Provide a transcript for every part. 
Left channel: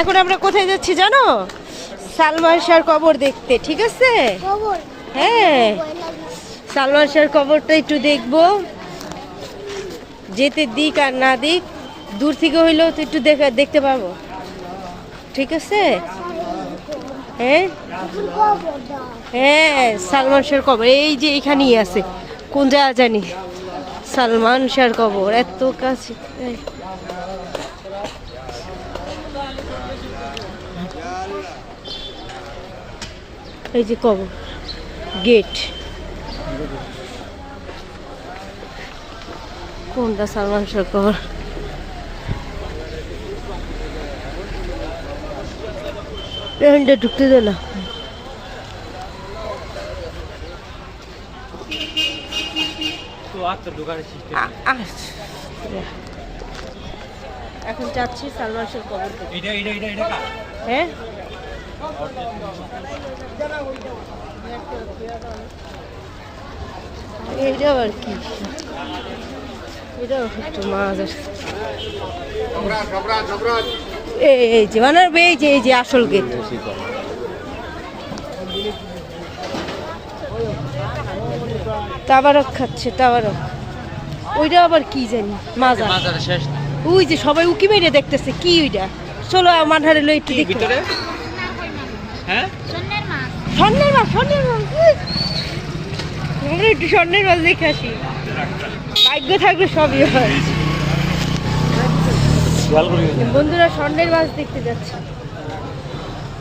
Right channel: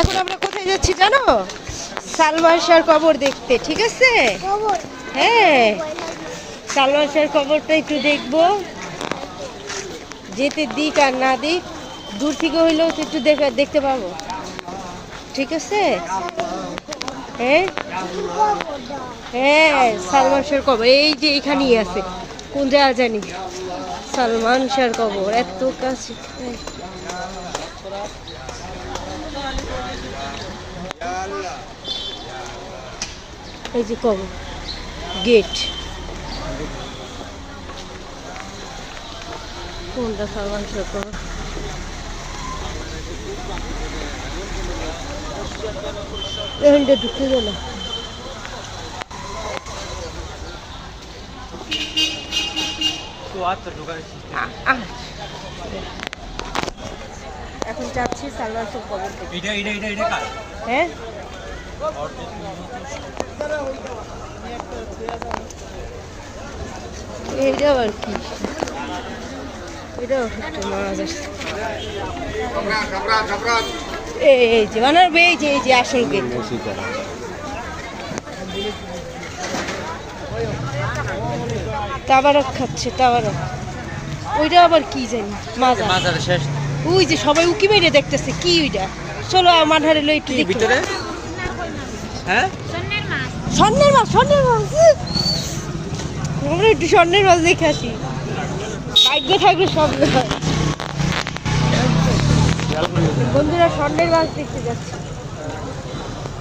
এখন আমরা কোথায় যাচ্ছি জানো? সালমান শাহর কবর দেখতে, ঠিক আছে? হ্যাঁ, সালমান শাহর কবরটা একটু দেখবো। যেতে দিক আর না দিক, দূর থেকে হইলেও তো একটু দেখতে পাবো, ঠিক আছে? হ্যাঁ হ্যাঁ, সালমান শাহর কবর এই যে এখানেই আছে। কোন জায়গা জানি সালমান শাহর কবর, এত কাছে। এই যে কবর, গেট। কোনটা সালমান শাহর কবর? এখানটা ঢুকতে দে না। এখন যাচ্ছি সালমান শাহর কবর। হ্যাঁ, এইটা আবার কি? এটাও একটু মাছ আসছে। এই যে মানে এই যে আসল গেট। তাবারক খাচ্ছে, তাবারক। ওইটা আবার কি জানি, মাজার। ওই যে সবাই উকি মেরে দেখতেছে কি ওইটা। চলো আমার ধারে লই একটু দেখি। হ্যাঁ, স্বর্ণের মাছ, স্বর্ণের মাছ। আমরা একটু স্বর্ণের মাছ দেখে আসি, ভাগ্য থাকলে সবই হয়। বন্ধুরা স্বর্ণের মাছ দেখতে যাচ্ছে।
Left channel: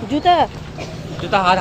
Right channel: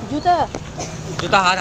জুতা জুতা হার